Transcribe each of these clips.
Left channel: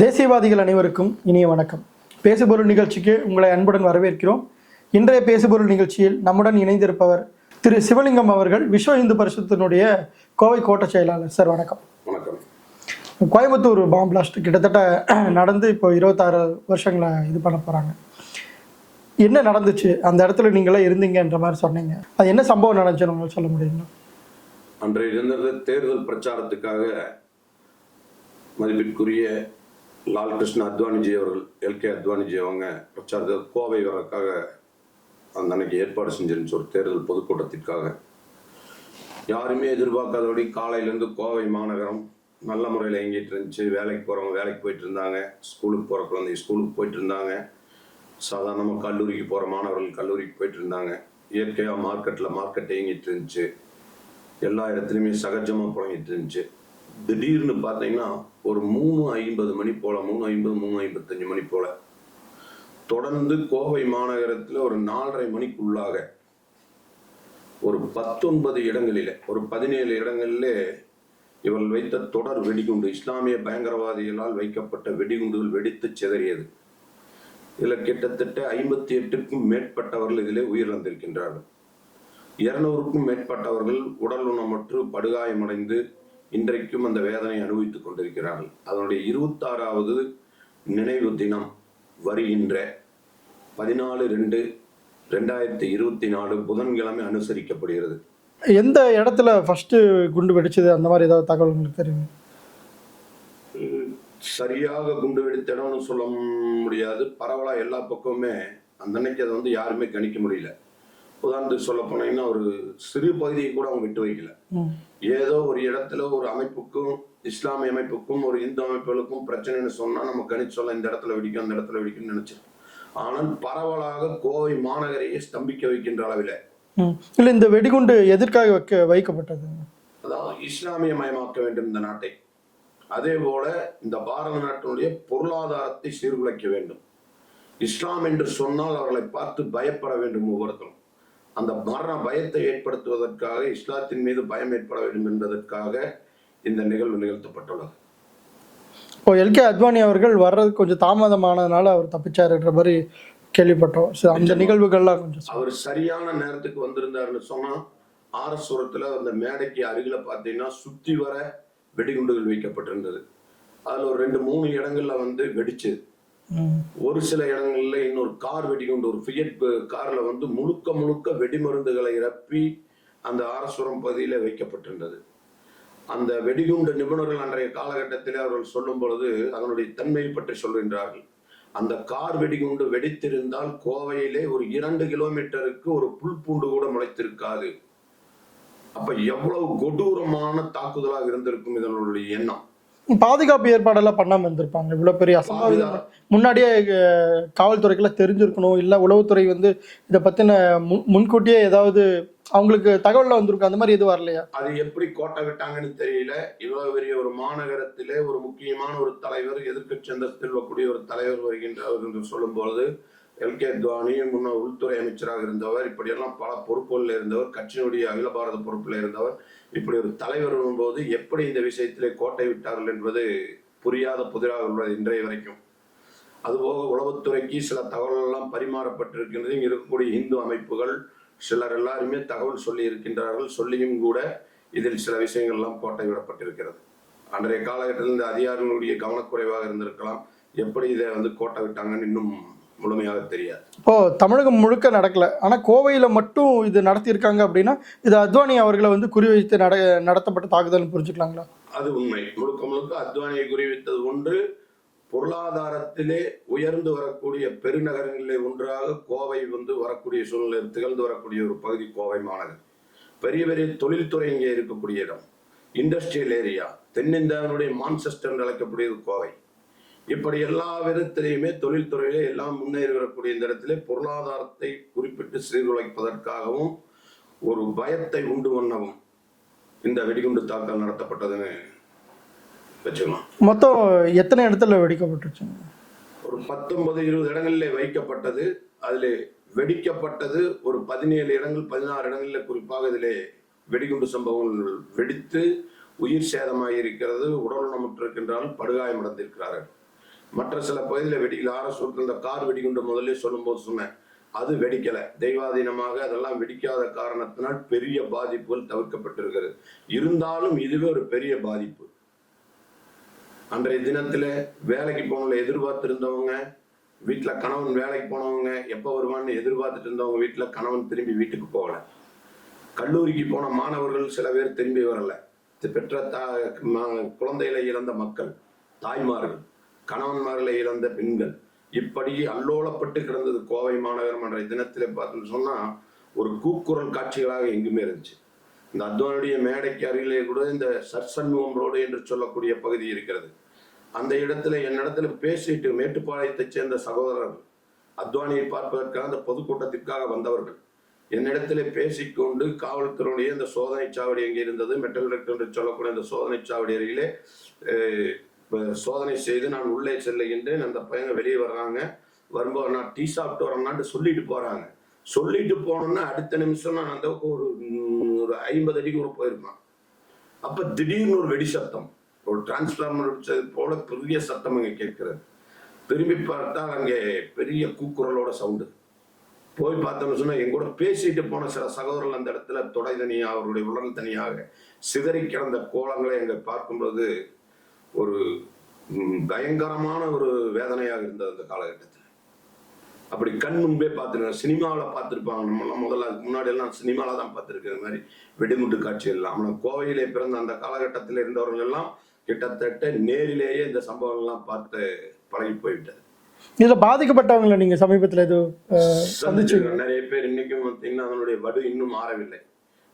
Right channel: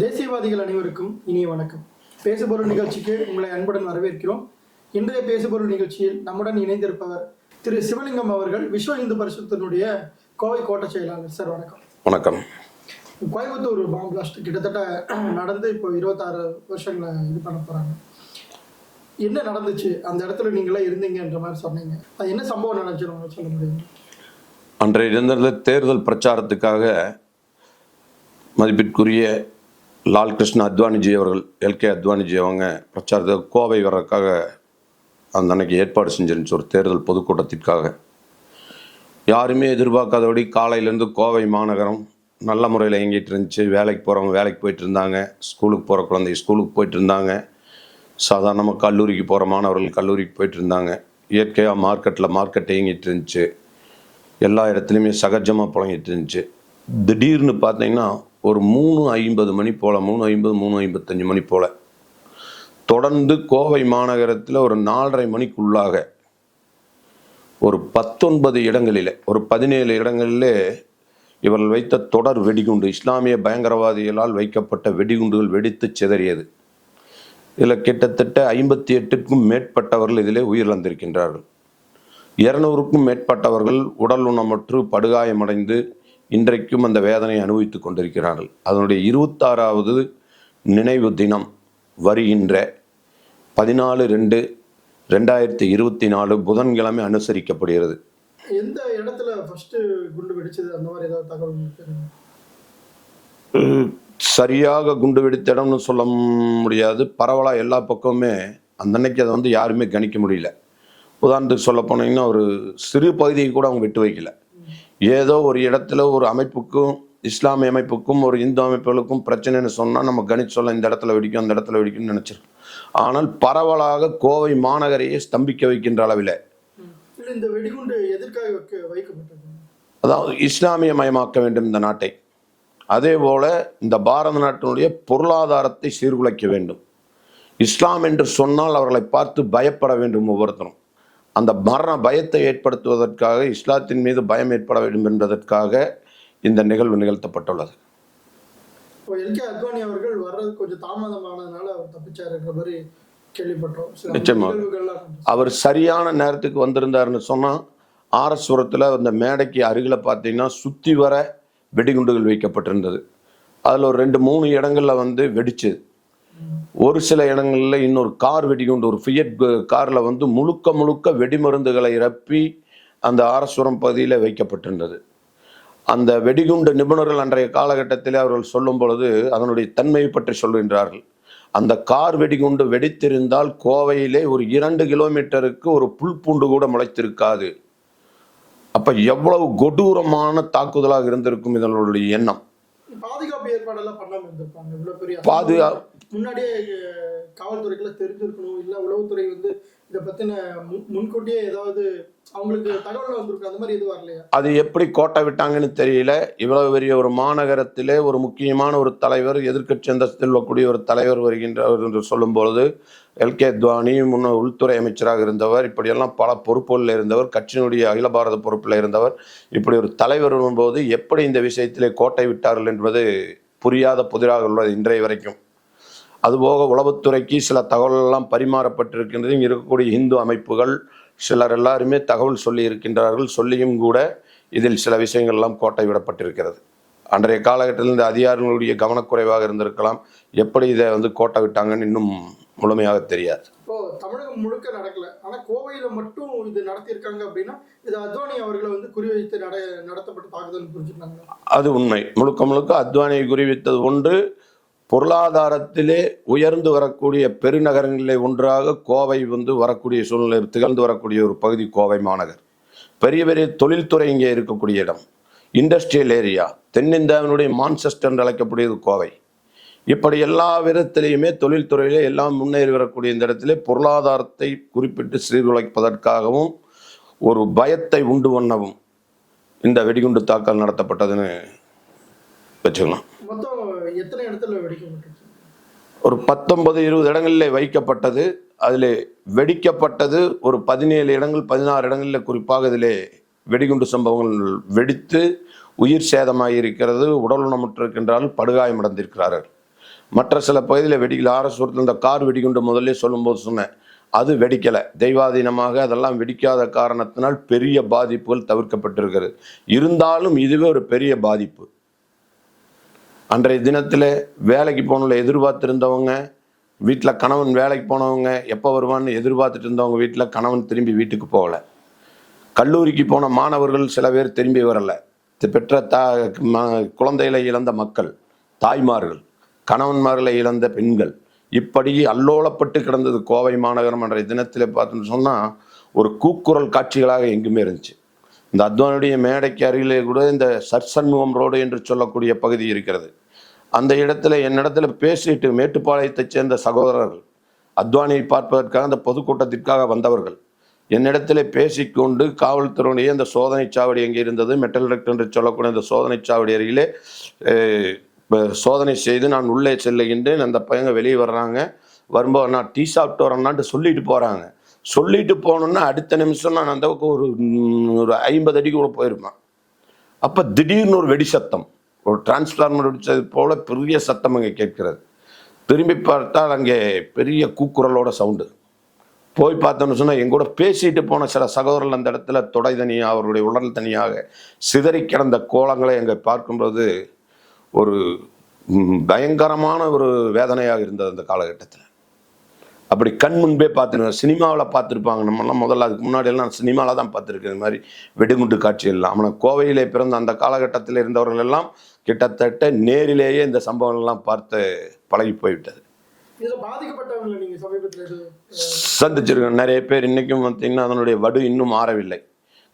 தேசியவாதிகள் அனைவருக்கும் இனிய வணக்கம். பேசுபொருள் நிகழ்ச்சிக்கு உங்களை அன்புடன் வரவேற்கிறோம். இன்றைய பேசுபொருள் நிகழ்ச்சியில் நம்முடன் இணைந்திருப்பவர் திரு சிவலிங்கம் அவர்கள் விஸ்வ இந்து பரிசுத்தினுடைய கோவை கோட்ட செயலாளர். சார் வணக்கம். வணக்கம். கோயம்புத்தூர் பாம் பிளாஸ்ட் கிட்டத்தட்ட நடந்து இப்போ இருபத்தாறு வருஷங்களை இது பண்ண போகிறாங்க என்ன நடந்துச்சு? அந்த இடத்துல நீங்களே இருந்தீங்கன்ற மாதிரி சொன்னீங்க. அது என்ன சம்பவம் நடந்துச்சுன்னு உங்களுக்கு சொல்ல முடியுங்களா? அன்றைய இருந்த தேர்தல் பிரச்சாரத்துக்காக மதிப்பிற்குரிய லால் கிருஷ்ண அத்வானிஜி அவர்கள் எல்கே அத்வானிஜி அவங்க பிரச்சாரத்தில் கோவை வர்றதுக்காக அந்த அன்னைக்கு ஏற்பாடு செஞ்சிருந்துச்சு ஒரு தேர்தல் பொதுக்கூட்டத்திற்காக. யாருமே எதிர்பார்க்காதபடி காலையிலேருந்து கோவை மாநகரம் நல்ல முறையில் இயங்கிட்டு இருந்துச்சு. வேலைக்கு போகிறவங்க வேலைக்கு போயிட்டு இருந்தாங்க. ஸ்கூலுக்கு போகிற குழந்தை ஸ்கூலுக்கு போயிட்டு இருந்தாங்க. சாதாரணமாக கல்லூரிக்கு போகிற மாணவர்கள் கல்லூரிக்கு போயிட்டு இருந்தாங்க. இயற்கையாக மார்க்கெட்டில் மார்க்கெட் இயங்கிட்டு இருந்துச்சு. எல்லா இடத்துலையுமே சகஜமாக புழங்கிட்டு இருந்துச்சு. திடீர்னு பார்த்தீங்கன்னா ஒரு மூணு ஐம்பது மணி போல் மூணு ஐம்பது மூணு ஐம்பத்தஞ்சு மணி போல். தொடர்ந்து கோவை மாநகரத்தில் ஒரு நாலரை மணிக்குள்ளாக ஒரு பத்தொன்பது இடங்களில் ஒரு பதினேழு இடங்களிலே இவர்கள் வைத்த தொடர் வெடிகுண்டு இஸ்லாமிய பயங்கரவாதிகளால் வைக்கப்பட்ட வெடிகுண்டுகள் வெடித்து சிதறியது. இதில் கிட்டத்தட்ட ஐம்பத்தி எட்டுக்கும் மேற்பட்டவர்கள் இதிலே உயிரிழந்திருக்கின்றார்கள். இருநூறுக்கும் மேற்பட்டவர்கள் உடல் உணமற்று படுகாயமடைந்து இன்றைக்கும் அந்த வேதனை அனுபவித்துக் கொண்டிருக்கிறார்கள். அதனுடைய இருபத்தாறாவது நினைவு தினம் வருகின்ற பதினாலு ரெண்டு ரெண்டாயிரத்தி இருபத்தி நாலு புதன்கிழமை அனுசரிக்கப்படுகிறது. எந்த இடத்துல ஃபர்ஸ்ட் குண்டு வெடிச்சது? அந்த மாதிரி ஏதாவது தகவல் உங்களுக்கு சரியாக குண்டு வெடித்த இடம்னு சொல்ல முடியாது. பரவலாக எல்லா பக்கமுமே அந்த அன்னைக்கு அதை வந்து யாருமே கணிக்க முடியல. உதாரணத்துக்கு சொல்ல போனீங்கன்னா ஒரு சிறு பகுதியை கூட அவங்க விட்டு வைக்கல. ஏதோ ஒரு இடத்துல ஒரு அமைப்புக்கும் இஸ்லாமிய அமைப்புக்கும் ஒரு இந்து அமைப்புகளுக்கும் பிரச்சனைன்னு சொன்னால் நம்ம கணிச்சு சொல்ல இந்த இடத்துல வெடிக்கும் அந்த இடத்துல வெடிக்கும்னு நினைச்சிருக்கோம் ஆனால் பரவலாக கோவை மாநகரையே ஸ்தம்பிக்க வைக்கின்ற அளவில். இல்ல இந்த வெடிகுண்டு எதற்காக வைக்க வைக்கப்பட்டது? அதாவது இஸ்லாமியமயமாக்க வேண்டும் இந்த நாட்டை. அதே போல இந்த பாரத நாட்டினுடைய பொருளாதாரத்தை சீர்குலைக்க வேண்டும். இஸ்லாம் என்று சொன்னால் அவர்களை பார்த்து பயப்பட வேண்டும் ஒவ்வொருத்தரும். அந்த மரண பயத்தை ஏற்படுத்துவதற்காக இஸ்லாத்தின் மீது பயம் ஏற்பட வேண்டும் என்பதற்காக இந்த நிகழ்வு நிகழ்த்தப்பட்டுள்ளது. இப்போ எல்கே அத்வானி அவர்கள் வர்றது கொஞ்சம் தாமதமானதுனால அவர் தப்பிச்சாருன்ற மாதிரி கேள்விப்பட்டோம். நிகழ்வுகள்லாம் அவர் சரியான நேரத்துக்கு வந்திருந்தாருன்னு சொன்னால் ஆரஸ்வரத்தில் அந்த மேடைக்கு அருகில் பார்த்தீங்கன்னா சுற்றி வர வெடிகுண்டுகள் வைக்கப்பட்டிருந்தது. அதில் ஒரு ரெண்டு மூணு இடங்கள்ல வந்து வெடிச்சது. ஒரு சில இடங்களில் இன்னொரு கார் வெடிகுண்டு ஒரு ஃபியட் காரில் வந்து முழுக்க முழுக்க வெடிமருந்துகளை இறப்பி அந்த ஆரஸ்வரம் பகுதியில் வைக்கப்பட்டிருந்தது. அந்த வெடிகுண்டு நிபுணர்கள் அன்றைய காலகட்டத்திலே அவர்கள் சொல்லும் பொழுது அதனுடைய தன்மை பற்றி சொல்கின்றார்கள். அந்த கார் வெடிகுண்டு வெடித்திருந்தால் கோவையிலே ஒரு இரண்டு கிலோமீட்டருக்கு ஒரு புல் பூண்டு கூட முளைத்திருக்காது. அப்போ எவ்வளவு கொடூரமான தாக்குதலாக இருந்திருக்கும் இதனுடைய எண்ணம். பாதுகாப்பு ஏற்பாடெல்லாம் பண்ணாம இருந்திருப்பாங்க. இவ்வளவு பெரிய பாதுகா- அசம்பாவிதம். முன்னாடியே காவல்துறைக்கெல்லாம் தெரிஞ்சிருக்கணும். இல்ல உளவுத்துறை வந்து இதை பத்தின முன்- முன்கூட்டியே ஏதாவது அவங்களுக்கு தகவல்ல வந்திருக்கும் அந்த மாதிரி எதுவும் வரலையா? அது எப்படி கோட்டை விட்டாங்கன்னு தெரியல. இவ்வளவு பெரிய ஒரு மாநகரத்திலே ஒரு முக்கியமான ஒரு தலைவர் எதிர்க்கட்சி அந்தஸ்தில் வரக்கூடிய ஒரு தலைவர் வருகின்றவர் என்று சொல்லும் எல்கே துவானி முன்ன உள்துறை அமைச்சராக இருந்தவர் இப்படியெல்லாம் பல பொறுப்புகளில் இருந்தவர் கட்சியினுடைய அகில பாரத பொறுப்பில் இருந்தவர் இப்படி ஒரு தலைவர் வரும்போது எப்படி இந்த விஷயத்திலே கோட்டை விட்டார்கள் என்பது புரியாத புதிராக உள்ளது இன்றைய வரைக்கும். அதுபோக உளவுத்துறைக்கு சில தகவலெல்லாம் பரிமாறப்பட்டிருக்கின்றது இருக்கக்கூடிய இந்து அமைப்புகள் சிலர் எல்லாருமே தகவல் சொல்லி இருக்கின்றார்கள் சொல்லியும் கூட இதில் சில விஷயங்கள் எல்லாம் கோட்டை விடப்பட்டிருக்கிறது. அன்றைய காலகட்டத்தில் இந்த அதிகாரிகளுடைய கவனக்குறைவாக இருந்திருக்கலாம். எப்படி இதை வந்து கோட்டை விட்டாங்கன்னு இன்னும் முழுமையாக தெரியாது. இப்போ தமிழகம் முழுக்க நடக்கல. ஆனா கோவையில மட்டும் இது நடத்தியிருக்காங்க அப்படின்னா இது அத்வானி அவர்களை வந்து குறிவைத்து நட நடத்தப்பட்ட தாக்குதல் புரிஞ்சுக்கலாங்களா? அது உண்மை. முழுக்க முழுக்க அத்வானியை குறிவித்தது ஒன்று பொருளாதாரத்திலே உயர்ந்து வரக்கூடிய பெருநகரங்களிலே ஒன்றாக கோவை வந்து வரக்கூடிய சூழ்நிலை திகழ்ந்து வரக்கூடிய ஒரு பகுதி கோவை மாநகர். பெரிய பெரிய தொழில்துறை இங்கே இருக்கக்கூடிய இடம். Industrial area. தென்னிந்தியாவினுடைய மான்செஸ்டர் என்று அழைக்கக்கூடியது கோவை. இப்படி எல்லா விதத்திலையுமே தொழில்துறையிலே எல்லாம் முன்னேறி வரக்கூடிய இந்த இடத்திலே பொருளாதாரத்தை குறிப்பிட்டு சீர்குலைப்பதற்காகவும் ஒரு பயத்தை உண்டு பண்ணவும் இந்த வெடிகுண்டு தாக்கல் நடத்தப்பட்டதுன்னு வச்சுக்கலாம். மொத்தம் எத்தனை இடத்துல வெடிக்கப்பட்டுருச்சு ஒரு பத்தொன்பது இருபது இடங்களில் வைக்கப்பட்டது. அதில் வெடிக்கப்பட்டது ஒரு பதினேழு இடங்கள் பதினாறு இடங்களில் குறிப்பாக இதிலே வெடிகுண்டு சம்பவங்கள் வெடித்து உயிர் சேதமாகி இருக்கிறது உடல் ஊனமுற்றிருக்கின்றார்கள் படுகாயமடைந்திருக்கிறார்கள். மற்ற சில பகுதியில் வெடிக்கல. ஆர்எஸ் இந்த கார் வெடிகுண்டு முதல்ல சொல்லும்போது சொன்னேன். அது வெடிக்கலை. தெய்வாதீனமாக அதெல்லாம் வெடிக்காத காரணத்தினால் பெரிய பாதிப்புகள் தவிர்க்கப்பட்டிருக்கிறது. இருந்தாலும் இதுவே ஒரு பெரிய பாதிப்பு. அன்றைய தினத்தில் வேலைக்கு போனவங்கள எதிர்பார்த்துருந்தவங்க வீட்டில் கணவன் வேலைக்கு போனவங்க எப்போ வருவான்னு எதிர்பார்த்துட்டு இருந்தவங்க வீட்டில் கணவன் திரும்பி வீட்டுக்கு போகல. கல்லூரிக்கு போன மாணவர்கள் சில பேர் திரும்பி வரலை. பெற்ற தா குழந்தைகளை இழந்த மக்கள் தாய்மார்கள். கணவன்மார்களை இழந்த பெண்கள். இப்படி அல்லோலப்பட்டு கிடந்தது கோவை மாநகரம் என்ற தினத்தில் பார்த்தோம்னு சொன்னால் ஒரு கூக்குரல் காட்சிகளாக எங்குமே இருந்துச்சு. இந்த அத்வானுடைய மேடைக்கு அருகிலே கூட இந்த சர்சன்முகம் ரோடு என்று சொல்லக்கூடிய பகுதி இருக்கிறது. அந்த இடத்துல என்னிடத்துல பேசிட்டு மேட்டுப்பாளையத்தைச் சேர்ந்த சகோதரர்கள் அத்வானியை பார்ப்பதற்காக அந்த பொதுக்கூட்டத்திற்காக வந்தவர்கள் என்னிடத்தில் பேசிக்கொண்டு காவல்துறையினுடைய அந்த சோதனை சாவடி எங்கே இருந்தது மெட்டல் ரெக்ட் என்று சொல்லக்கூடிய அந்த சோதனை சாவடி அருகிலே சோதனை செய்து நான் உள்ளே செல்லுகின்றேன். அந்த பையங்க வெளியே வர்றாங்க. வரும்போது நான் டீ சாப்பிட்டு வரேன்னான்ட்டு சொல்லிட்டு போகிறாங்க சொல்லிட்டு போனோன்னா அடுத்த நிமிஷம் நான் அந்த ஒரு ஒரு ஐம்பது அடிக்கு கூட போயிருப்பேன். அப்போ திடீர்னு ஒரு வெடி சத்தம். ஒரு டிரான்ஸ்ஃபார்மர் வெடிச்சது போல பெரிய சத்தம் அங்கே கேட்கிறது. திரும்பி பார்த்தால் அங்கே பெரிய கூக்குரலோட சவுண்டு. போய் பார்த்தோம்னு சொன்னால் எங்கூட பேசிட்டு போன சில சகோதரர்கள் அந்த இடத்துல தொடை தனியாக அவருடைய உடல் தனியாக சிதறி கிடந்த கோலங்களை அங்கே பார்க்கும்போது ஒரு பயங்கரமான ஒரு வேதனையாக இருந்தது அந்த காலகட்டத்தில். அப்படி கண் முன்பே பார்த்துருக்கேன் சினிமாவில் பார்த்துருப்பாங்க. நம்மலாம் முதல்ல அதுக்கு முன்னாடி எல்லாம் சினிமாவில் தான் பார்த்துருக்கேன். இந்த மாதிரி வெடிகுண்டு காட்சி எல்லாம். ஆனால் கோவையிலே பிறந்த அந்த காலகட்டத்தில் இருந்தவர்கள் எல்லாம் கிட்டத்தட்ட நேரிலேயே இந்த சம்பவங்கள்லாம் பார்த்து பழகி போய்விட்டது. இதுல பாதிக்கப்பட்டவங்களை நீங்க சமீபத்துல இது அஹ், சந்திச்சிருக்கேன். நிறைய பேர் இன்னைக்கும் பார்த்தீங்கன்னா அதனுடைய வடு இன்னும் ஆறவில்லை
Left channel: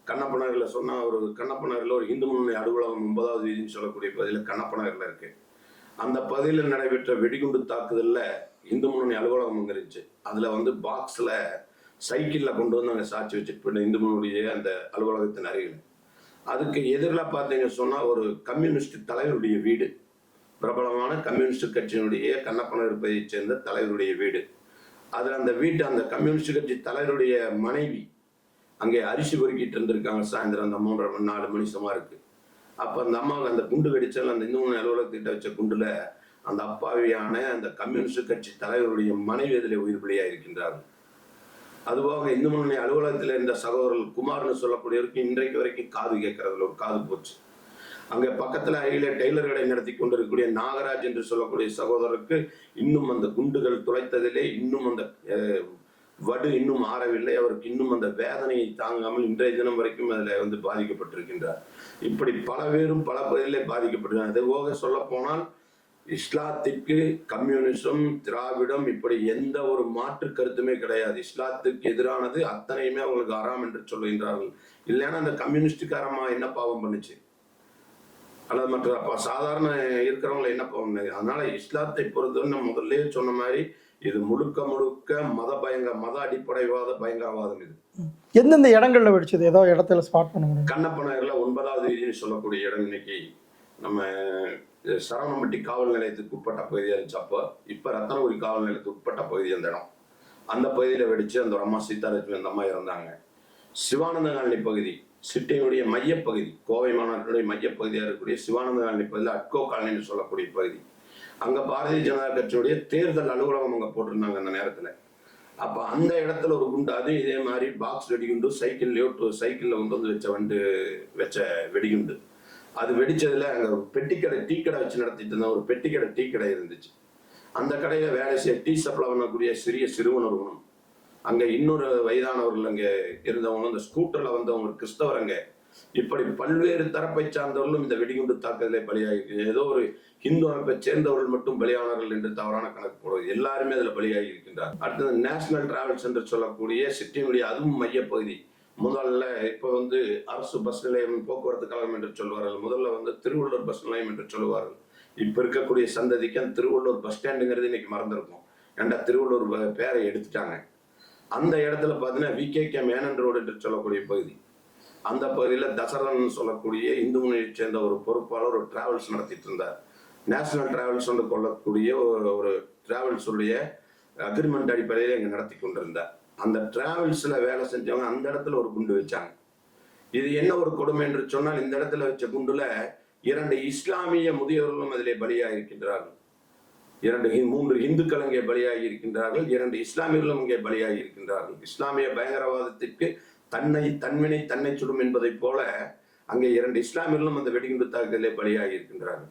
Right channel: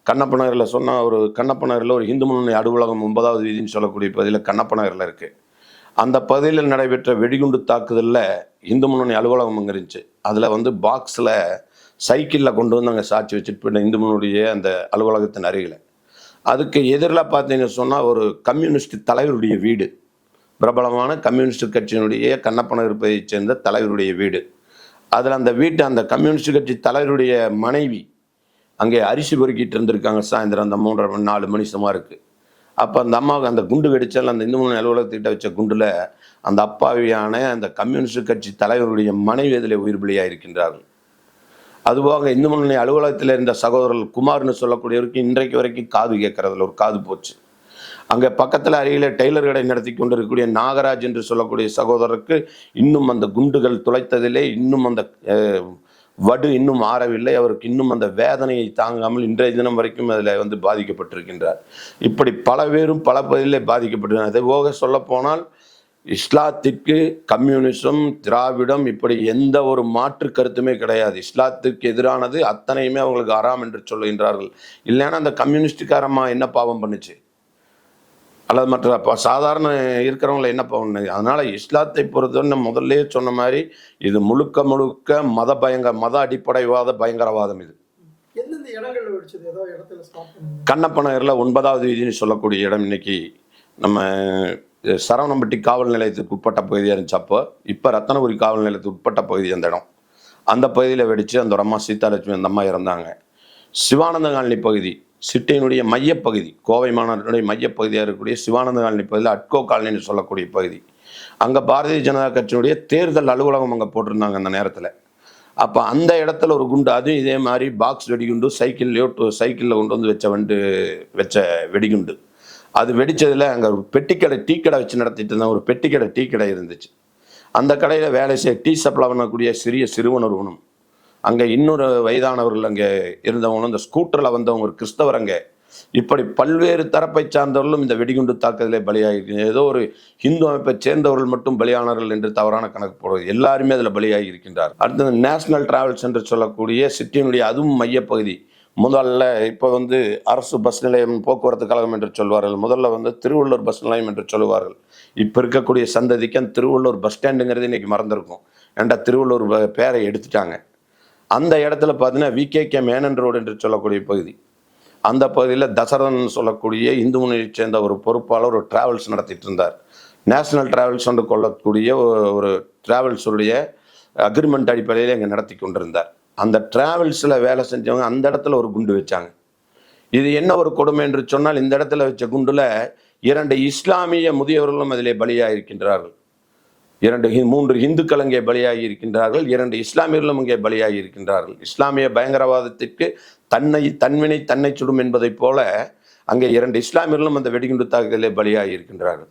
கண்ணப்பனகரில் சொன்னால் ஒரு கண்ணப்பநகரில் ஒரு இந்து முன்னணி அலுவலகம் ஒன்பதாவது வீதின்னு சொல்லக்கூடிய பகுதியில் கண்ணப்பநகரில் இருக்குது அந்த பகுதியில் நடைபெற்ற வெடிகுண்டு தாக்குதலில் இந்து முன்னணி அலுவலகம் இருந்துச்சு அதில் வந்து பாக்ஸில் சைக்கிளில் கொண்டு வந்து அங்கே சாட்சி வச்சுட்டு போயிட்ட இந்து முன்னுடைய அந்த அலுவலகத்தின் அருகில். அதுக்கு எதிரில் பார்த்தீங்கன்னு சொன்னால் ஒரு கம்யூனிஸ்ட் தலைவருடைய வீடு. பிரபலமான கம்யூனிஸ்ட் கட்சியினுடைய கண்ணப்ப பகுதியைச் சேர்ந்த தலைவருடைய வீடு. அதில் அந்த வீட்டு அந்த கம்யூனிஸ்ட் கட்சி தலைவருடைய மனைவி அங்கே அரிசி பொறுக்கிட்டு இருந்திருக்காங்க. சாயந்தரம் அந்த மூன்றரை மணி நாலு மணி சுமாருக்கு. அப்போ அந்த அம்மாவுக்கு அந்த குண்டு வெடிச்சால் அந்த இந்து மூணு அலுவலகத்திட்ட வச்ச குண்டில் அந்த அப்பாவியான அந்த கம்யூனிஸ்ட் கட்சி தலைவருடைய மனைவி அதில் உயிர் பலியாக இருக்கின்றார்கள். அதுபோக இந்து முன்னணி அலுவலகத்தில் இருந்த சகோதரர் குமார்னு சொல்லக்கூடியவருக்கு இன்றைக்கு வரைக்கும் காது கேட்கறதுல ஒரு காது போச்சு. அங்கே பக்கத்தில் அருகிலே டெய்லர் கடை நடத்தி கொண்டிருக்கக்கூடிய நாகராஜ் என்று சொல்லக்கூடிய சகோதரருக்கு இன்னும் அந்த குண்டுகள் துளைத்ததிலே இன்னும் அந்த வடு இன்னும் ஆறவில்லை. அவருக்கு இன்னும் அந்த வேதனையை தாங்காமல் இன்றைய தினம் வரைக்கும் அதில் வந்து பாதிக்கப்பட்டிருக்கின்றார். இப்படி பல பேரும் பல பகுதியிலே பாதிக்கப்பட்டிருக்கிறார். அதே போக சொல்லப்போனால் இஸ்லாத்திற்கு கம்யூனிசம் திராவிடம் இப்படி எந்த ஒரு மாற்று கருத்துமே கிடையாது. இஸ்லாத்துக்கு எதிரானது அத்தனையுமே அவங்களுக்கு அறாம் என்று சொல்லுகின்றார்கள் இல்லைன்னா அந்த கம்யூனிஸ்டுக்காரம்மா என்ன பாவம் பண்ணுச்சு? அல்லது மற்ற ப- சாதாரண இருக்கிறவங்கள என்ன பண்ண அதனால இஸ்லாத்தை பொறுத்தவரை நான் முதல்லயே சொன்ன மாதிரி இது முழுக்க முழுக்க மத பயங்கர மத அடிப்படைவாத பயங்கரவாதம் இது. எந்தெந்த இடங்கள்ல வெடிச்சது? ஏதோ இடத்துல ஸ்பாட் பண்ண முடியும்? கண்ணப்ப நகரில் ஒன்பதாவது வீதின்னு சொல்லக்கூடிய இடம் இன்னைக்கு நம்ம சரவணம்பட்டி காவல் நிலையத்துக்கு உட்பட்ட பகுதியாக இருந்துச்சு அப்போ. இப்போ ரத்தனபுரி காவல் நிலையத்துக்கு உட்பட்ட பகுதி அந்த இடம். அந்த பகுதியில் வெடித்து அந்த ஒரு அம்மா சீதாலட்சுமி அந்த அம்மா இறந்தாங்க. சிவானந்த காலனி பகுதி. சிட்டையினுடைய மையப்பகுதி கோவை மாநகரத்தினுடைய மையப்பகுதியாக இருக்கக்கூடிய சிவானந்த காலனி பகுதியில் அட்கோ காலனின்னு சொல்லக்கூடிய பகுதி. அங்கே பாரதிய ஜனதா கட்சியினுடைய தேர்தல் அலுவலகம் அங்கே போட்டிருந்தாங்க அந்த நேரத்தில். அப்போ அந்த இடத்துல ஒரு குண்டு அதுவும் இதே மாதிரி பாக்ஸ் வெடிகுண்டு சைக்கிள்லையோ சைக்கிளில் கொண்டு வந்து வச்ச வண்டு வச்ச வெடிகுண்டு. அது வெடித்ததில் அங்கே ஒரு பெட்டிக்கடை டீ கடை வச்சு நடத்திட்டு இருந்த ஒரு பெட்டிக்கடை டீ கடை இருந்துச்சு. அந்த கடையில் வேலை செய்ய டீ சப்ளை பண்ணக்கூடிய சிறிய சிறுவன் ஒருவனும் அங்கே இன்னொரு வயதானவர்கள் அங்கே இருந்தவங்களும் இந்த ஸ்கூட்டரில் வந்தவங்க ஒரு கிறிஸ்தவர் அங்கே. இப்படி பல்வேறு தரப்பை சார்ந்தவர்களும் இந்த வெடிகுண்டு தாக்குதலே பலியாகி ஏதோ ஒரு ஹிந்து அமைப்பை சேர்ந்தவர்கள் மட்டும் பலியானார்கள் என்று தவறான கணக்கு போடுவது எல்லாருமே அதில் பலியாகி இருக்கின்றார் அடுத்தது நேஷனல் டிராவல்ஸ் என்று சொல்லக்கூடிய சிட்டியினுடைய அதுவும் மையப்பகுதி. முதல்ல இப்போ வந்து அரசு பஸ் நிலையம் போக்குவரத்து கழகம் என்று சொல்வார்கள். முதல்ல வந்து திருவள்ளூர் பஸ் நிலையம் என்று சொல்லுவார்கள். இப்போ இருக்கக்கூடிய சந்ததிக்கு அந்த திருவள்ளூர் பஸ் ஸ்டாண்டுங்கிறது இன்னைக்கு மறந்துருக்கும். ஏண்டா திருவள்ளூர் பேரை எடுத்துட்டாங்க. அந்த இடத்துல பார்த்தீங்கன்னா விகேகே மேனன் ரோடு என்று சொல்லக்கூடிய பகுதி. அந்த பகுதியில் தசரதன் சொல்லக்கூடிய இந்து முன்னணியைச் சேர்ந்த ஒரு பொறுப்பாளர் ஒரு டிராவல்ஸ் நடத்திட்டு இருந்தார். நேஷனல் டிராவல்ஸ் என்று கொள்ளக்கூடிய ஒரு- டிராவல்ஸுடைய அக்ரிமெண்ட் அடிப்படையில் இங்கே நடத்தி கொண்டிருந்தார். அந்த டிராவல்ஸில் வேலை செஞ்சவங்க அந்த இடத்துல ஒரு குண்டு வச்சாங்க. இது என்ன ஒரு கொடுமை என்று சொன்னால் இந்த இடத்துல வச்ச குண்டில் இரண்டு இஸ்லாமிய முதியவர்களும் அதிலே பலியாக இருக்கின்றார்கள் இரண்டு மூன்று இந்துக்கள் அங்கே பலியாகி இருக்கின்றார்கள் இரண்டு இஸ்லாமியர்களும் அங்கே பலியாகி இருக்கின்றார்கள். இஸ்லாமிய பயங்கரவாதத்திற்கு தன்னை தன்வினை தன்னை சுடும் என்பதைப் போல அங்கே இரண்டு இஸ்லாமியர்களும் அந்த வெடிகுண்டு தாக்குதலில் பலியாகி இருக்கின்றார்கள்.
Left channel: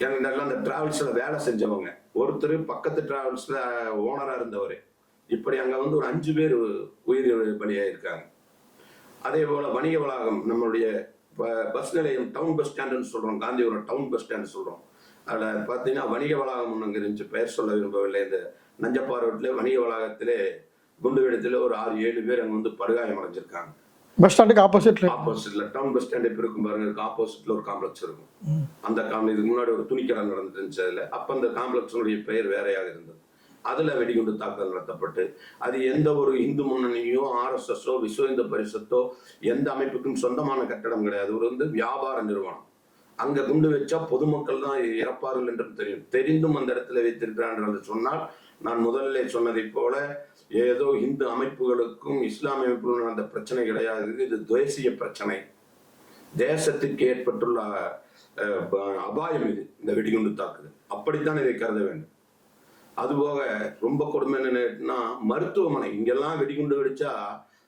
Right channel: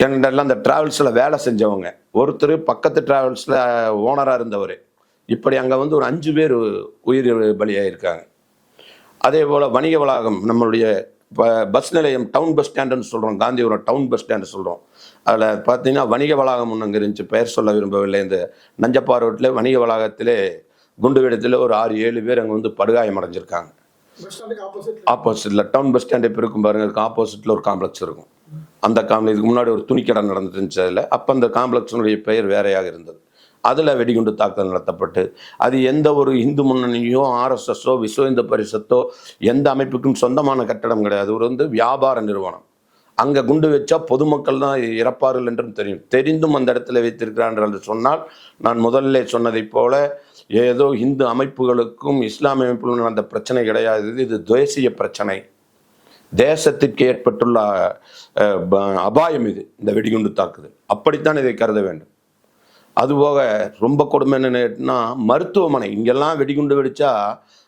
எங்கள்டெல்லாம் அந்த டிராவல்ஸில் வேலை செஞ்சவங்க ஒருத்தர் பக்கத்து டிராவல்ஸில் ஓனராக இருந்தவர் இப்படி அங்கே வந்து ஒரு அஞ்சு பேர் உயிர் பலியாகிருக்காங்க அதே போல் வணிக வளாகம் நம்மளுடைய பஸ் நிலையம் டவுன் பஸ் ஸ்டாண்டுன்னு சொல்கிறோம் காந்திபுரம் டவுன் பஸ் ஸ்டாண்டு சொல்கிறோம் அதில் பார்த்தீங்கன்னா வணிக வளாகம் ஒன்று அங்கே இருந்துச்சு. பெயர் சொல்ல விரும்பவில்லை. இந்த நஞ்சப்பா ரோட்டில் வணிக வளாகத்திலே குண்டு வெடித்தில் ஒரு ஆறு ஏழு பேர் அங்கே வந்து படுகாயம் அடைஞ்சிருக்காங்க. பஸ் ஸ்டாண்டுக்கு ஆப்போசிட்ல ஆப்போசிட்ல டவுன் பஸ் ஸ்டாண்ட் இப்போ இருக்கும் பாருங்க. அதுக்கு ஆப்போசிட்ல ஒரு காம்ப்ளெக்ஸ் இருக்கும். அந்த காம்ப்ளெக்ஸ் இதுக்கு முன்னாடி ஒரு துணிக்கடை நடந்துட்டு இருந்துச்சு அதில். அப்போ அந்த காம்ப்ளெக்ஸினுடைய பெயர் வேறையாக இருந்தது. அதில் வெடிகுண்டு தாக்குதல் நடத்தப்பட்டு அது எந்த ஒரு இந்து முன்னணியோ ஆர்எஸ்எஸ்ஸோ விஸ்வ இந்து பரிசத்தோ எந்த அமைப்புக்கும் சொந்தமான கட்டடம் கிடையாது. ஒரு வந்து வியாபார நிறுவனம். அங்கே குண்டு வச்சா பொதுமக்கள் தான் இறப்பார்கள் என்றும் தெரியும். தெரிந்தும் அந்த இடத்துல வைத்திருக்கிறான் என்று சொன்னால் நான் முதல்ல சொன்னதைப் போல ஏதோ இந்து அமைப்புகளுக்கும் இஸ்லாமிய அமைப்புகளும் நடந்த பிரச்சனை கிடையாது. இது தேசிய பிரச்சனை. தேசத்திற்கு ஏற்பட்டுள்ள ப- அபாயம் இது இந்த வெடிகுண்டு தாக்குதல். அப்படித்தான் இதை கருத வேண்டும். அதுபோக ரொம்ப கொடுமை என்னன்னா மருத்துவமனை. இங்கெல்லாம் வெடிகுண்டு வெடிச்சா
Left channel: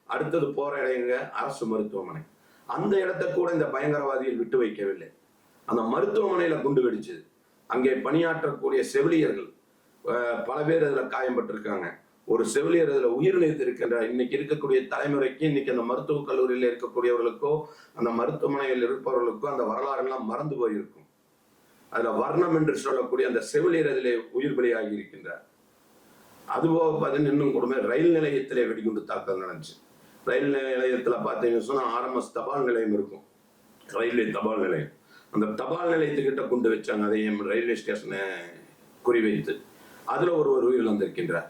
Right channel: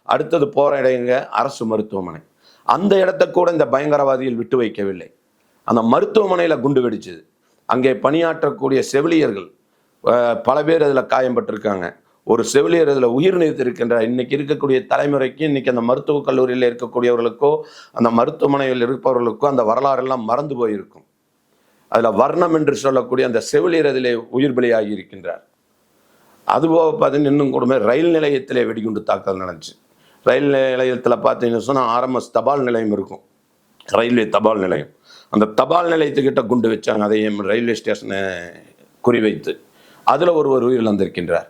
அடுத்தது போகிற இடங்க அரசு மருத்துவமனை. அந்த இடத்த கூட இந்த பயங்கரவாதிகள் விட்டு வைக்கவில்லை. அந்த மருத்துவமனையில் குண்டு வெடிச்சது. அங்கே பணியாற்றக்கூடிய செவிலியர்கள் பல பேர் அதில் காயம்பட்டிருக்காங்க ஒரு செவிலியர் அதில் உயிர் நீத்திருக்கின்றார் இன்னைக்கு இருக்கக்கூடிய தலைமுறைக்கு இன்னைக்கு அந்த மருத்துவக் கல்லூரியில் இருக்கக்கூடியவர்களுக்கோ அந்த மருத்துவமனையில் இருப்பவர்களுக்கோ அந்த வரலாறு எல்லாம் மறந்து போயிருக்கும். அதில் வர்ணம் என்று சொல்லக்கூடிய அந்த செவிலியரதிலே உயிர் பலியாகி இருக்கின்றார். அதுபோக பார்த்தீங்கன்னா இன்னும் கூடமே ரயில் நிலையத்திலே வெடிகுண்டு தாக்கல் நடந்துச்சு. ரயில் நிலையத்தில் பார்த்தீங்கன்னு சொன்னால் ஆர்எம்எஸ் தபால் நிலையம் இருக்கும். ரயில்வே தபால் நிலையம். அந்த தபால் நிலையத்துக்கிட்ட குண்டு வச்சாங்க அதையும் ரயில்வே ஸ்டேஷனை குறிவைத்து. அதில் ஒருவர் உயிரிழந்திருக்கின்றார்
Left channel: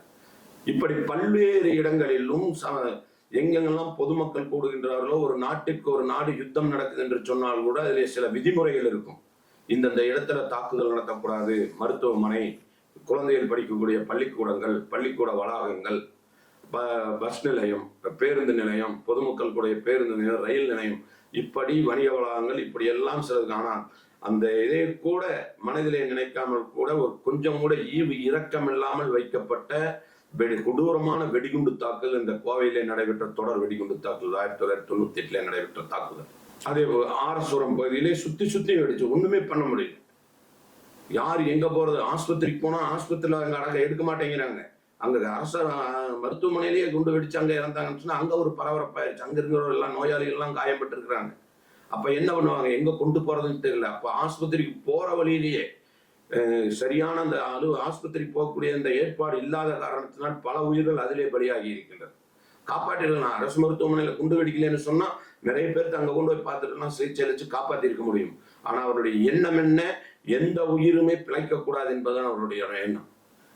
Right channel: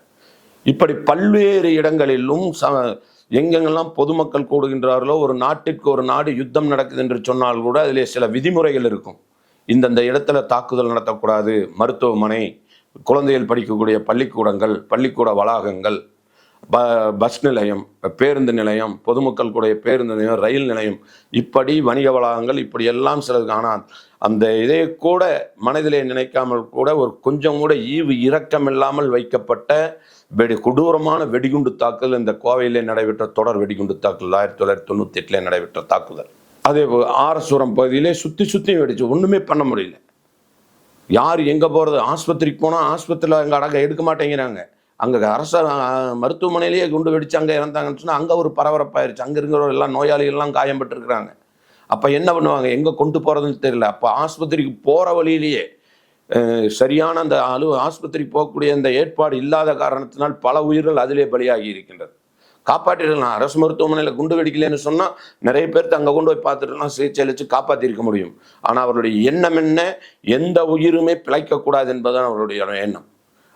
இப்படி பல்வேறு இடங்களிலும் ச எங்கெங்கெல்லாம் பொதுமக்கள் கூடுகின்றார்களோ ஒரு நாட்டிற்கு ஒரு நாடு யுத்தம் நடக்குது என்று சொன்னால் கூட அதிலே சில விதிமுறைகள் இருக்கும். இந்தந்த இடத்துல தாக்குதல் நடத்தக்கூடாது. மருத்துவமனை குழந்தைகள் படிக்கக்கூடிய பள்ளிக்கூடங்கள் பள்ளிக்கூட வளாகங்கள் ப பஸ் நிலையம் பேருந்து நிலையம் பொதுமக்கள் கூடிய பேருந்து நிலையம் ரயில் நிலையம். இப்படி வணிக வளாகங்கள் இப்படி எல்லாம் சிலது ஆனால் அந்த இதை கூட மனதிலே நினைக்காமல் கூட ஒரு கொஞ்சம் கூட ஈவு இரக்கம் இல்லாமல் வைக்கப்பட்ட வெடி கொடூரமான வெடிகுண்டு தாக்குதல் இந்த கோவையிலே நடைபெற்ற தொடர் வெடிகுண்டு தாக்குதல் ஆயிரத்தி தொள்ளாயிரத்தி தொண்ணூற்றி எட்டில் நடைபெற்ற தாக்குதல். அதே போல் ஆரசுரம் பகுதியிலே சுற்றி சுற்றி வெடிச்சு ஒன்றுமே பண்ண முடியல. யார் எங்கே போகிறது ஆஸ்பத்திரிக்கு போனால் ஆஸ்பத்திரியில் அங்கே அடங்க எடுக்க மாட்டேங்கிறாங்க. அங்கே அரச மருத்துவமனையிலேயே குண்டு வெடிச்சு அங்கே இறந்தாங்கன்னு சொன்னால் அங்கே ஒரு பரபரப்பாயிருச்சு. அங்கே இருக்கிற எல்லாம் நோயாளிகள்லாம் காயம்பட்டுருக்குறாங்க. அப்போ என்ன பண்ணுவாங்க? எங்கே கொண்டு போகிறதுன்னு தெரியல. அப்போ ஆஸ்பத்திரிக்கு போகிற வழியிலேயே சரியான அந்த அலு ஆஸ்பத்திரிக்கு போகக்கூடிய அந்த ஏற்பாடு இல்லாத காரணத்தினால் பல உயிர்கள் அதிலே பலியாகி இருக்கின்றது. காப்பாற்றிடலாம். அரசு மருத்துவமனையில் குண்டு வெடிக்கலைன்னு சொன்னால் நிறைய பேர்த்து அங்கே கொண்டு போய் பார்த்துட்டுலாம் சிகிச்சை அளித்து காப்பாற்றிருக்க முடியும். ஆனால் அவருடைய எண்ணம் என்ன? எந்த உயிருமே பிழைக்கக்கூடாது என்பதுதான் அவருடைய எண்ணம்.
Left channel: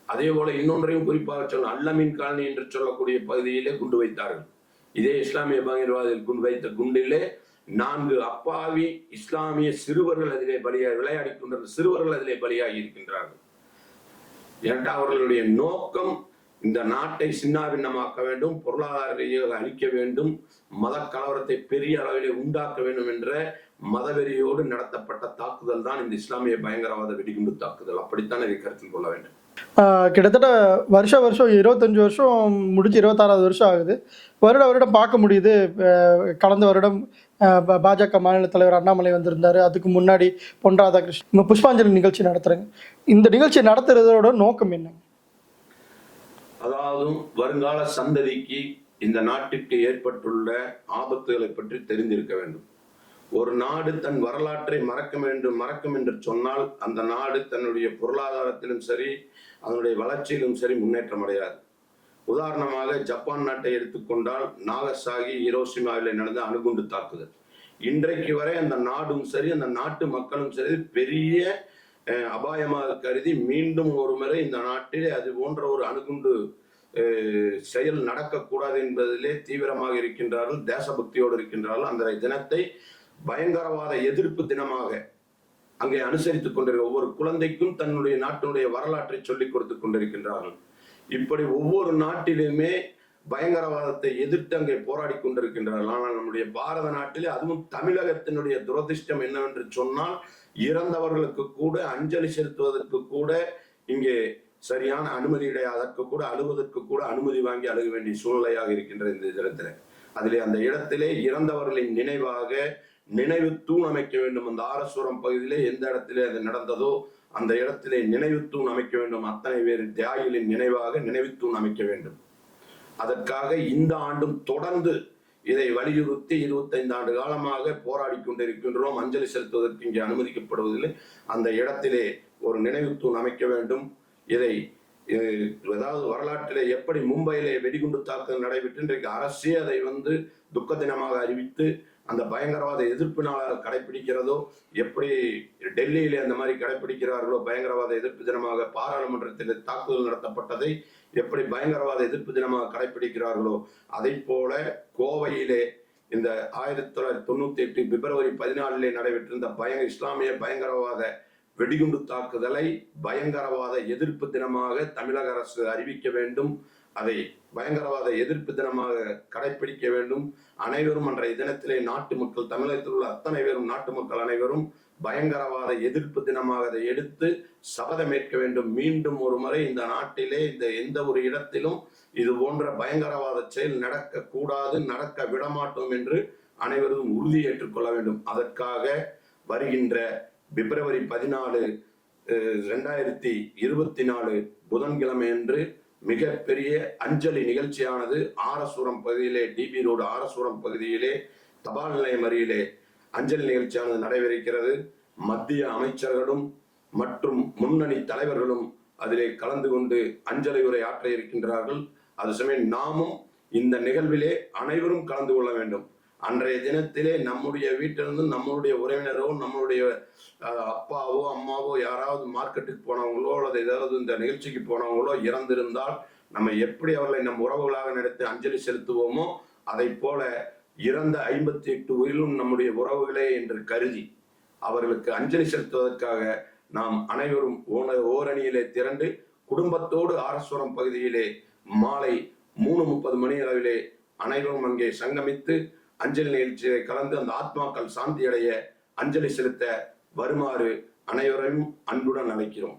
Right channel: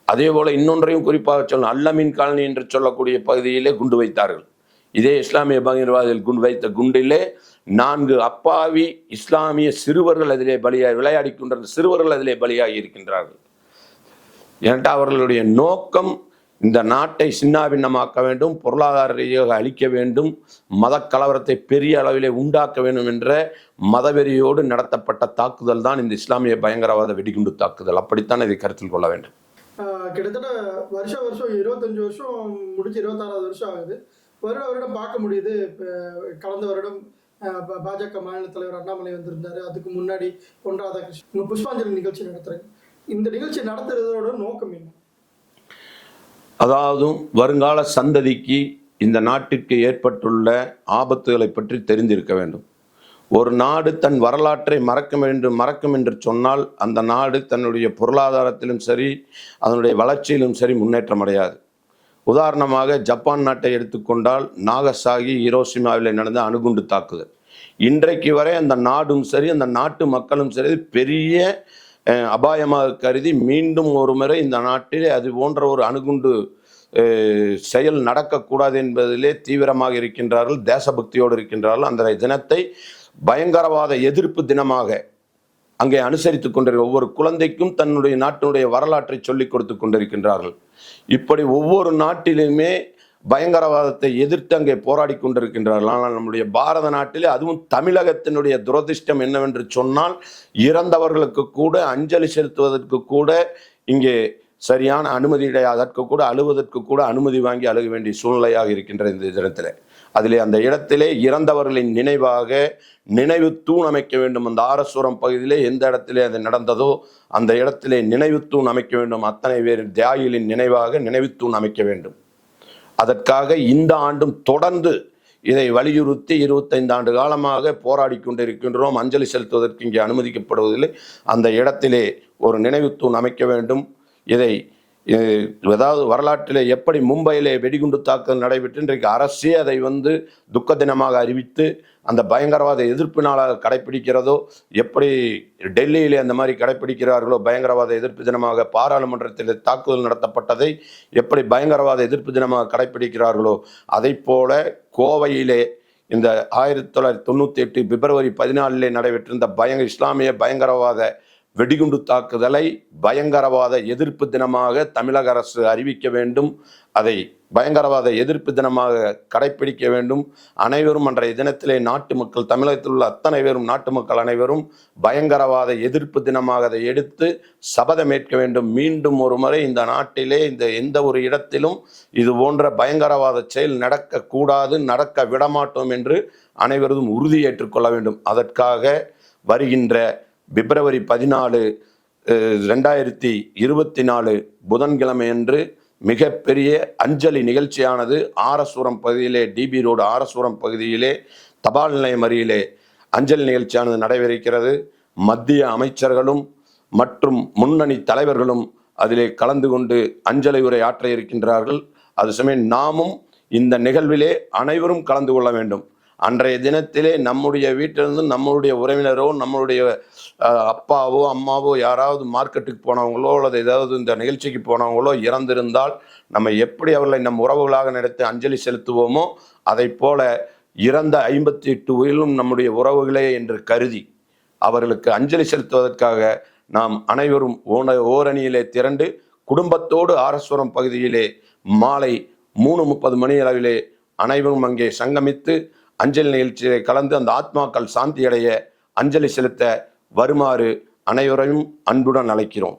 அதே போல் இன்னொன்றையும் குறிப்பாக சொல்லணும். அல்லமீன் காலனி என்று சொல்லக்கூடிய பகுதியிலே குண்டு வைத்தார்கள். இதே இஸ்லாமிய பயங்கரவாதிகள் குண்டு வைத்த குண்டிலே நான்கு அப்பாவி இஸ்லாமிய சிறுவர்கள் அதிலே பலியாகி விளையாடி கொண்டிருந்த சிறுவர்கள் அதிலே பலியாகி இருக்கின்றார்கள். ஏன்டா அவர்களுடைய நோக்கம் இந்த நாட்டை சின்னாபின்னமாக்க வேண்டும் பொருளாதார ரீதியாக அழிக்க வேண்டும் மத கலவரத்தை பெரிய அளவிலே உண்டாக்க வேண்டும் என்ற மதவெறியோடு நடத்தப்பட்ட தாக்குதல் தான் இந்த இஸ்லாமிய பயங்கரவாத வெடிகுண்டு தாக்குதல். அப்படித்தான் இதை கருத்தில் கொள்ள வேண்டும். கிட்டத்தட்ட வருஷ வருஷம் இருபத்தஞ்சு வருஷம் முடிஞ்சு இருபத்தாறாவது வருஷம் ஆகுது. வருட வருடம் பார்க்க முடியுது. கடந்த வருடம் பாஜக மாநில தலைவர் அண்ணாமலை வந்திருந்தாரு. அதுக்கு முன்னாடி பொன் ராதாகிருஷ்ணன் புஷ்பாஞ்சலி நிகழ்ச்சி நடத்துகிறேங்க இந்த நிகழ்ச்சி நடத்துறதோட நோக்கம் என்ன? அதாவது வருங்கால சந்ததிக்கு இந்த நாட்டிற்கு ஏற்பட்டுள்ள ஆபத்துகளை பற்றி தெரிந்திருக்க வேண்டும். ஒரு நாடு தன் வரலாற்றை மறக்க வேண்டும் மறக்கும் என்று சொன்னால் அந்த நாடு தன்னுடைய பொருளாதாரத்திலும் சரி அதனுடைய வளர்ச்சியிலும் சரி முன்னேற்றம் அடையாது. உதாரணமாக ஜப்பான் நாட்டை எடுத்துக்கொண்டால் நாகசாகி ஹிரோசிமாவில் நடந்த அணுகுண்டு தாக்குதல். இன்றைக்கு வரை அந்த நாடும் சரி அந்த நாட்டு மக்களும் சரி பெரிய அபாயமாக கருதி மீண்டும் ஒரு முறை இந்த நாட்டிலே அது போன்ற ஒரு அணுகுண்டு செயல் நடக்கக்கூடாது என்பதிலே தீவிரமாக இருக்கின்றார்கள் தேசபக்தியோடு இருக்கின்றார்கள். அந்த தினத்தை பயங்கரவாத எதிர்ப்பு தினமாக அங்கே அனுசரித்துக் கொண்டிருக்க ஒவ்வொரு குழந்தைக்கும் தன்னுடைய நாட்டினுடைய வரலாற்றை சொல்லிக் கொடுத்து கொண்டிருக்கின்றார்கள். இப்படி ஒவ்வொரு நாட்டிலுமே பயங்கரவாதத்தை எதிர்த்து அங்கே போராடி கொண்டிருக்கின்றார்கள். ஆனால் நம்முடைய பாரத நாட்டிலே அதுவும் தமிழகத்தினுடைய துரதிர்ஷ்டம் என்னவென்று சொன்னால் இறந்தவர்களுக்கு கூட அஞ்சலி செலுத்துவதற்கு கூட இங்கே சரியான அனுமதி அதற்கு கூட அழுவதற்கு கூட அனுமதி வாங்கி அழுக வேண்டிய சூழ்நிலையாக இருக்கின்ற இந்த தினத்தில் அதிலே அந்த இடத்திலே இறந்தவர்களின் நினைவாக நினைவு தூண் அமைக்க வேண்டும். அந்த ஆரசுரம் பகுதியிலே எந்த இடத்திலே அது நடந்ததோ அந்த இடத்திலே நினைவு தூண் அமைக்க வேண்டும். அத்தனை பேர் தியாகிகளின் நினைவாக நினைவு தூண் அமைக்க வேண்டும். அதற்காக இந்த ஆண்டும் தொடர்ந்து இதை வலியுறுத்தி இருபத்தைந்து ஆண்டு காலமாக போராடி கொண்டிருக்கின்றோம். அஞ்சலி செலுத்துவதற்கு இங்கே அனுமதிக்கப்படுவதில்லை. அந்த இடத்திலே ஒரு நினைவு தூண் அமைக்க வேண்டும். இதை ஏதாவது வரலாற்றிலே எப்படி மும்பையிலே வெடிகுண்டு தாக்குதல் நடைபெற்று இன்றைக்கு அரசே அதை வந்து துக்க தினமாக அறிவித்து அந்த பயங்கரவாத எதிர்ப்பினால் கடைபிடிக்கிறதோ எப்படி டெல்லியிலே அந்த மாதிரி கடைபிடிக்கிறார்களோ பயங்கரவாத எதிர்ப்பு தினமாக பாராளுமன்றத்தில் தாக்குதல் நடத்தப்பட்டதை எப்படி பயங்கரவாத எதிர்ப்பு தினமாக கடைபிடிக்கிறார்களோ அதை போல கோவையிலே இந்த ஆயிரத்தி தொள்ளாயிரத்தி தொண்ணூற்றி எட்டு பிப்ரவரி பதினாலிலே நடைபெற்றிருந்த பயங்க இஸ்லாமிய பயங்கரவாத வெடிகுண்டு தாக்குதலை பயங்கரவாத எதிர்ப்பு தினமாக தமிழக அரசு அறிவிக்க வேண்டும். அதை பயங்கரவாத எதிர்ப்பு தினமாக கடைபிடிக்க வேண்டும். அனைவரும் அன்றைய தினத்திலே நாட்டு மக்கள் தமிழகத்தில் உள்ள அத்தனை பேரும் நாட்டு மக்கள் அனைவரும் பயங்கரவாத எதிர்ப்பு தினமாக அதை எடுத்து ஏற்க வேண்டும். மீண்டும் ஒரு முறை இந்த நாட்டிலே இந்த எந்த ஒரு இடத்திலும் இது போன்ற பயங்கரவாத செயல் நடக்கக்கூடாது நடக்க விடமாட்டோம் என்று அனைவரும் உறுதியேற்றுக் கொள்ள வேண்டும். அதற்காக வருகின்ற பிப்ரவரி பதினாலு ரெண்டாயிரத்தி இருபத்தி நாலு புதன்கிழமையன்று மிகப்பெரிய அஞ்சலி நிகழ்ச்சியானது ஆரசுரம் பகுதியிலே டிபி ரோடு ஆரசுரம் பகுதியிலே தபால் நிலையம் அருகிலே அஞ்சலி நிகழ்ச்சியானது நடைபெறுகிறது மத்திய அமைச்சர்களும் மற்றும் முன்னணி தலைவர்களும் அதிலே கலந்து கொண்டு அஞ்சலி உரை ஆற்ற இருக்கின்றார்கள். அது சமயம் நாமும் இந்த நிகழ்விலே அனைவரும் கலந்து கொள்ள வேண்டும். அன்றைய தினத்திலே நம்முடைய வீட்டிலிருந்து நம்மளுடைய உறவினரோ நம்மளுடைய அப்பாவோ அம்மாவோ யாராவது மார்க்கெட்டுக்கு போனவங்களோ அல்லது ஏதாவது இந்த நிகழ்ச்சிக்கு போனவங்களோ இறந்திருந்தால் நம்ம எப்படி அவர்களை நம் உறவுகளாக நடத்தி அஞ்சலி செலுத்துவோமோ அதை போல இறந்த ஐம்பத்தி எட்டு உயிரும் நம்முடைய உறவுகளே என்று கருதி அவர்களுக்கு அஞ்சலி செலுத்துவதற்காக நாம் அனைவரும் ஓன ஓரணியிலே திரண்டு குடும்பத்தோடு ஆரஸ்வரம் பகுதியிலே மாலை மூணு முப்பது மணி அளவிலே அனைவரும் அங்கே சங்கமித்து அஞ்சலி நிகழ்ச்சியை கலந்து அந்த ஆத்மாக்கள் சாந்தியடைய அஞ்சலி செலுத்த வருமாறு அனைவரையும் அன்புடன் அழைக்கிறோம்.